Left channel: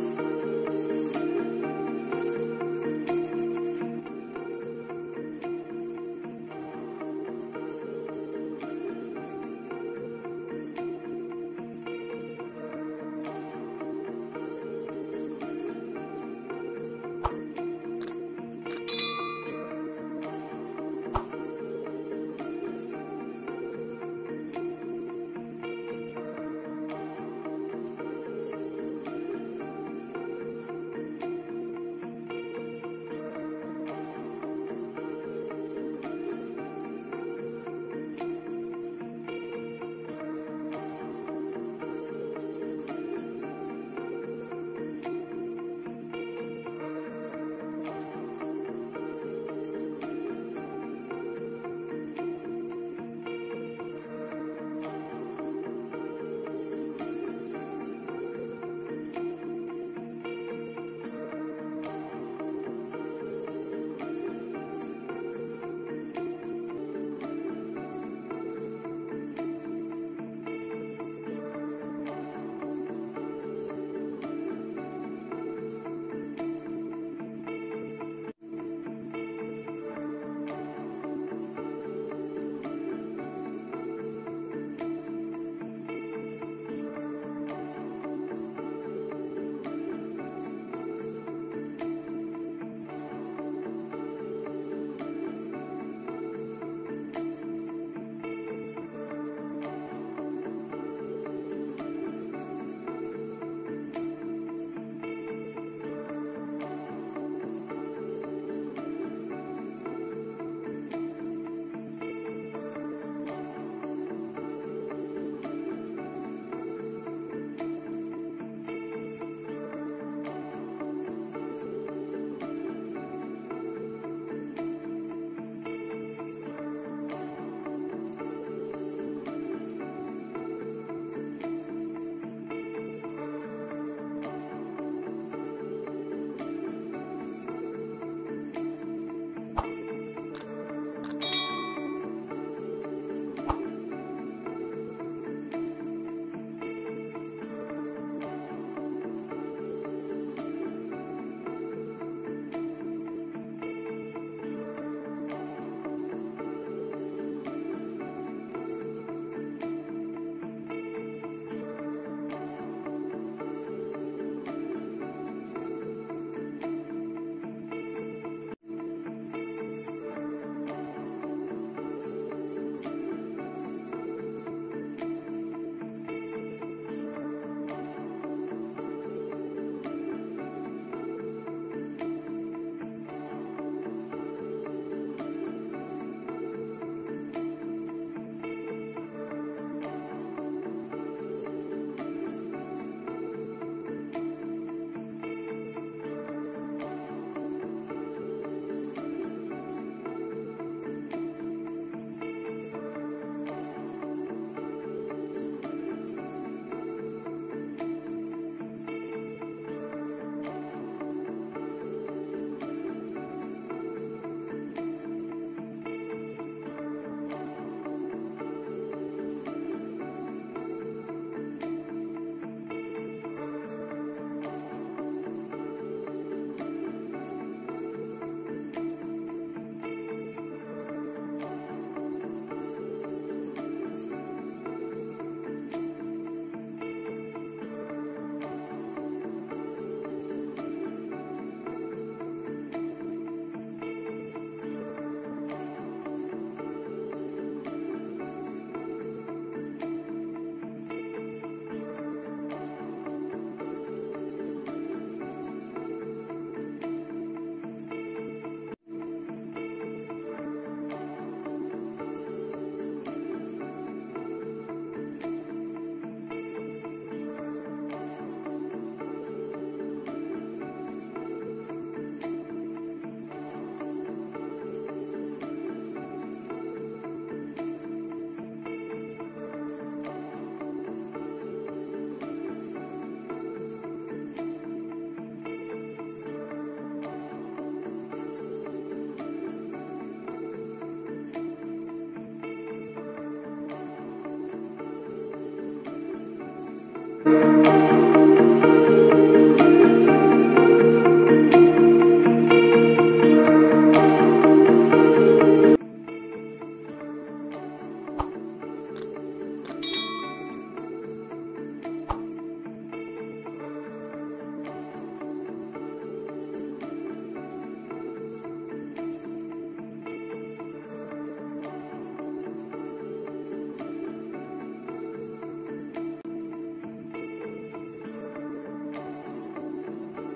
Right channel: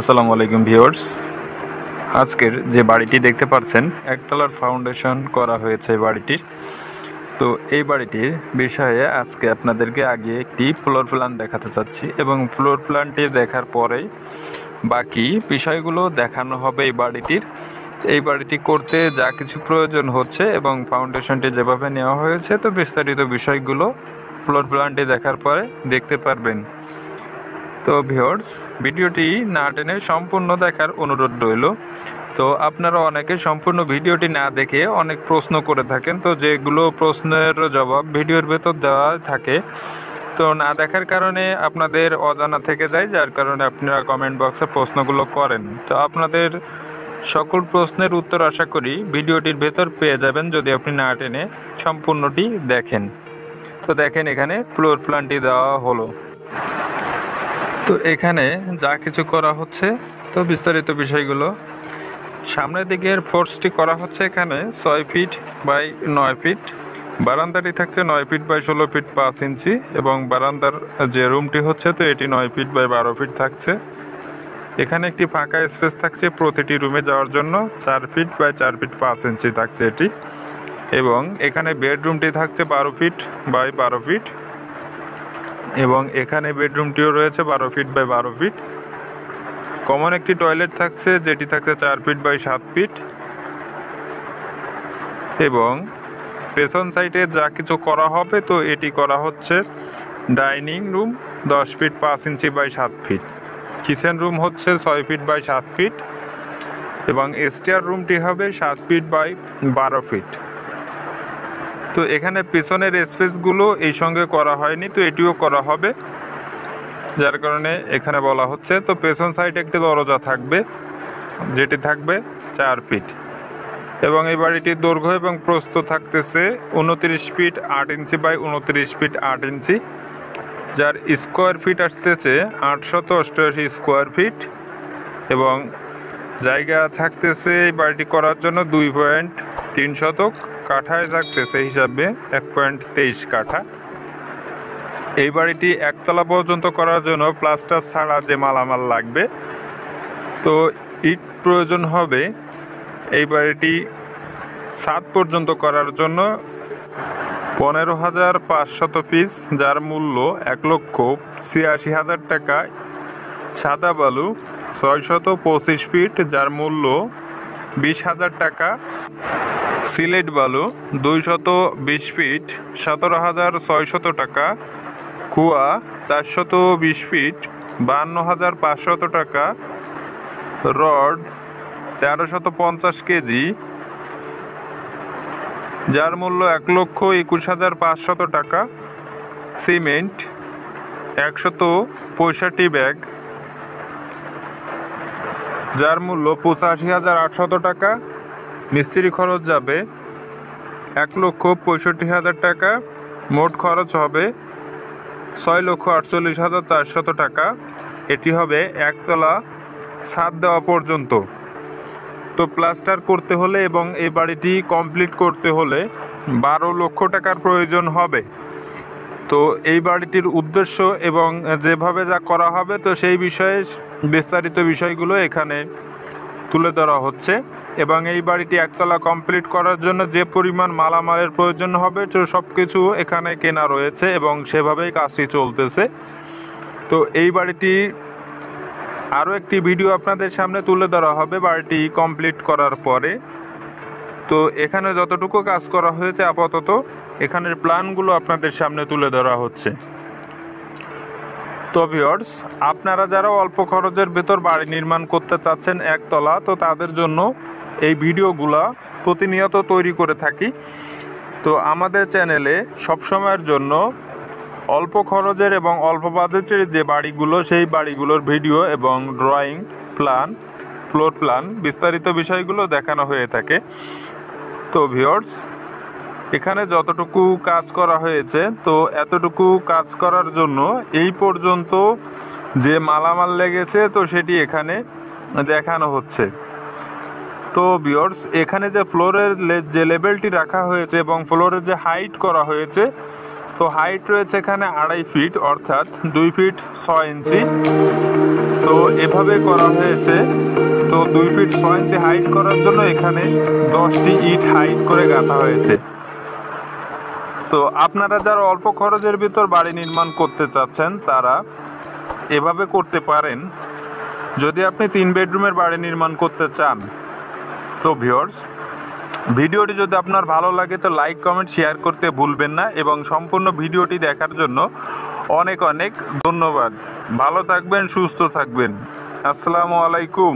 আসসালামু আলাইকুম ভিউয়ার্স। আজকের যে বাড়িটি দেখতে পাচ্ছেন একতলার ফাউন্ডেশন করা হয়েছে বাড়িটির। তো এই বাড়িটির বিষয়ে আজকে আপনাদেরকে আগে একটি ফ্লোর প্ল্যান দেখাতে চাচ্ছি এবং ফ্লোর প্ল্যানটি দেখার পরেই বাকি বিষয়গুলো দেখানো হবে এই বাড়িটি করতে যা কিছু প্রয়োজন হচ্ছে এবং ফাউন্ডেশনটি যেভাবে নেওয়া হয়েছে, তো বিস্তারিত বিষয়গুলো ফ্লোর প্ল্যানটি দেখার পরে দেখতে পারবেন। তো ভিউয়ার্স, ভিডিওটি না টেনে সম্পূর্ণ দেখার অনুরোধ রইল। তো আপনারা অনেকে সম্পূর্ণ ভিডিওটি না দেখে অনেক প্রশ্ন করে থাকেন, তো যেগুলো প্রশ্নের জবাব ভিডিওর ভেতর দেওয়া থাকে, তো না দেখার কারণে আপনাদের অজানা থেকে যায়, যার কারণে আপনারা কমেন্ট বক্সে প্রশ্নগুলো করেন। তো আপনাদের সকল প্রশ্নের উত্তর আশা করি ভিডিওটির ভেতর পেয়ে যাবেন যদি আপনি না টেনে সম্পূর্ণটি দেখেন। তো দেখেন, এখানে ফ্লোর প্ল্যানটি দেওয়া হলো। তো এখানে যা কিছু করা হচ্ছে, তো বিস্তারিত বিষয়গুলো সামনের দিকের ফোর্সটি করা হচ্ছে এখানে 6 ফিট বাই 9 ফিট। বারান্দাটি থাকছে 9 ফিট বাই 16 ফিট 5 ইঞ্চি এবং বারান্দার যে রুমটি হচ্ছে, তো এটি 9 ফিট বাই 12 ফিট থাকছে। এখানে একটি ফাঁকা স্পেস থাকছে প্রতিটি রুমে যাওয়ার জন্য, 4 ফিট বাই 4 ফিট 5 ইঞ্চি থাকছে এটি। এবং এখানে বেডরুমটি থাকছে 12 ফিট বাই 12 ফিট এবং এখানে বেডরুমটিও রয়েছে 12 ফিট বাই 12 ফিট। কমন একটি টয়লেট থাকছে যেটি থাকছে 4 ফিট বাই 7 ফিট। এবং পেছন সাইডে যা কিছু করা হবে, তো এটি করা হচ্ছে dining room 10 feet 5 inch by 7 feet. Kitchen room হচ্ছে 6 ফিট বাই 7 ফিট এবং স্টেয়ার রুমটি হবে 7 ফিট বাই 12 ফিট। তো এখানে পেছনের স্পেসগুলো এই সঙ্গে করা হয়নি, তো এটিও করা হবে, যার কারণে এখানে বলা হচ্ছে। তো পেছন সাইডে একটি দরজা থাকবে যেটি থাকবে 4 ফিট এবং এই বাড়িটির দৈর্ঘ্য এবং প্রস্থ থাকতেছে 29 ফিট 8 ইঞ্চি বাই 29 ফিট 8 ইঞ্চি, যার স্কোয়ার ফিট আসতেছে 888 স্কোয়ার ফিট এবং জায়গা থাকতেছে এই বাড়িটি করার জন্য 2.3 শতক, কাঠায় থাকতেছে হিসাবে 1.23 কাঠা। এই বাড়িটি একতলা পর্যন্ত করার জন্য প্লাস্টার ছাড়া যে মালামাল লাগবে, তো ইট প্রয়োজন হবে এই বাড়িটি ছাদ পর্যন্ত করার জন্য 15,500 পিস, যার মূল্য 1,86,000 টাকা। সাদা বালু 625 ফিট, যার মূল্য 20,000 টাকা। সিলেট বালু 220 ফিট 17,600 টাকা। কুয়া 420 ফিট 52,500 টাকা। রড 1350 কেজি, যার মূল্য 1,21,500 টাকা। সিমেন্ট 165 ব্যাগ, যার মূল্য 85,800 টাকা। মিস্ত্রি খরচ যাবে 1,65,000 টাকা। মোট খরচ হবে 6,48,400 টাকা। এটি হবে একতলা ছাদ দেওয়া পর্যন্ত। তো প্লাস্টার করতে হলে এবং এই বাড়িটি কমপ্লিট করতে হলে 12 লক্ষ টাকার প্রয়োজন হবে। তো এই বাড়িটির উদ্দেশ্য এবং যেভাবে যা করা হবে, তো সেই বিষয়ে বিস্তারিত বিষয়গুলো এখানে তুলে ধরা হচ্ছে। এবং এই বাড়িটি একতলা কমপ্লিট করার জন্য যে পরিমাণ মালামালের প্রয়োজন হবে, তো সব কিছু এখানে কেনা রয়েছে এবং সেভাবেই কাজটি চলতেছে। তো এই বাড়িটি আরও একটি ভিডিও আপনাদের সামনে তুলে ধরা হবে বাড়িটি কমপ্লিট করার পরে। তো এখানে যতটুকু কাজ করা হয়েছে আপাতত এখানের প্ল্যানগুলো আপনাদের সামনে তুলে ধরা হচ্ছে। তো ভিউয়ার্স, আপনারা যারা অল্প খরচের ভেতর বাড়ি নির্মাণ করতে চাচ্ছেন একতলা, তো তাদের জন্য এই ভিডিওগুলা প্রতিনিয়ত তৈরি করে থাকি। তো আমাদের চ্যানেলে সবসময়ের জন্য অল্প খরচের এবং অল্প বাজেটের যে বাড়িগুলো, সেই বাড়িগুলোর ভিডিও এবং ড্রয়িং প্ল্যান, ফ্লোর প্ল্যান, বিস্তারিত বিষয়গুলো দেখানো হয়ে থাকে। তো ভিউয়ার্স, এখানে যতটুকু কাজ করা হয়েছে, তো এতটুকু কাজ করার জন্য এই পর্যন্ত যে মালামাল লেগেছে, তো সেটি এখানে দেখানো হচ্ছে। তো ভিউয়ার্স, এখানে যে ফ্লোরের যে লেভেলটি রাখা হয়েছে এবং ফ্লোরের যে হাইট করা হয়েছে, তো হাইট রয়েছে এখানে 2.5 ফিট অর্থাৎ 2 ফিট 6 ইঞ্চি। তো এভাবে করা হয়েছে। তো 2 ফিট 6 ইঞ্চি হাইট করার জন্য এখানে 10টি ইট হাইট করে গাঁথা হয়েছে। তো আপনারা যারা অল্প খরচের ভিতর বাড়ি নির্মাণ করতে চাচ্ছেন তারা এভাবে করতে পারেন। যদি আপনি 3 বেডরুমের বাড়ি নির্মাণ করতে চান তো ভিউয়ার্স, ভিডিওটি যদি আপনার ভালো লাগে তো লাইক কমেন্ট শেয়ার করতে ভুলবেন না, এবং সম্পূর্ণ ভিডিওটি দেখার জন্য অনেক অনেক ধন্যবাদ। ভালো থাকবেন, সুস্থ থাকবেন। আসসালামু আলাইকুম।